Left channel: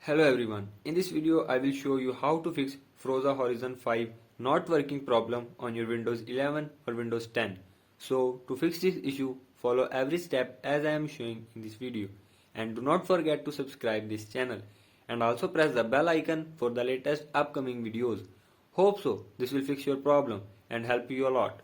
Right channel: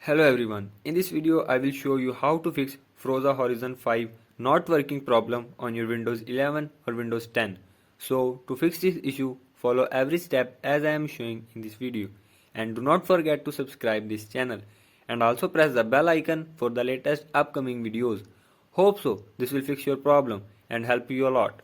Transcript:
Hello everyone, in this video I will show you how to fix Forza Horizon 5 not working problem on your Windows 11 or Windows 10. So to fix this issue, follow every step as I am showing in this video, and do not forget to subscribe this channel and also press the bell icon for the latest upcoming videos. Hope so this will fix your problem and help you a lot.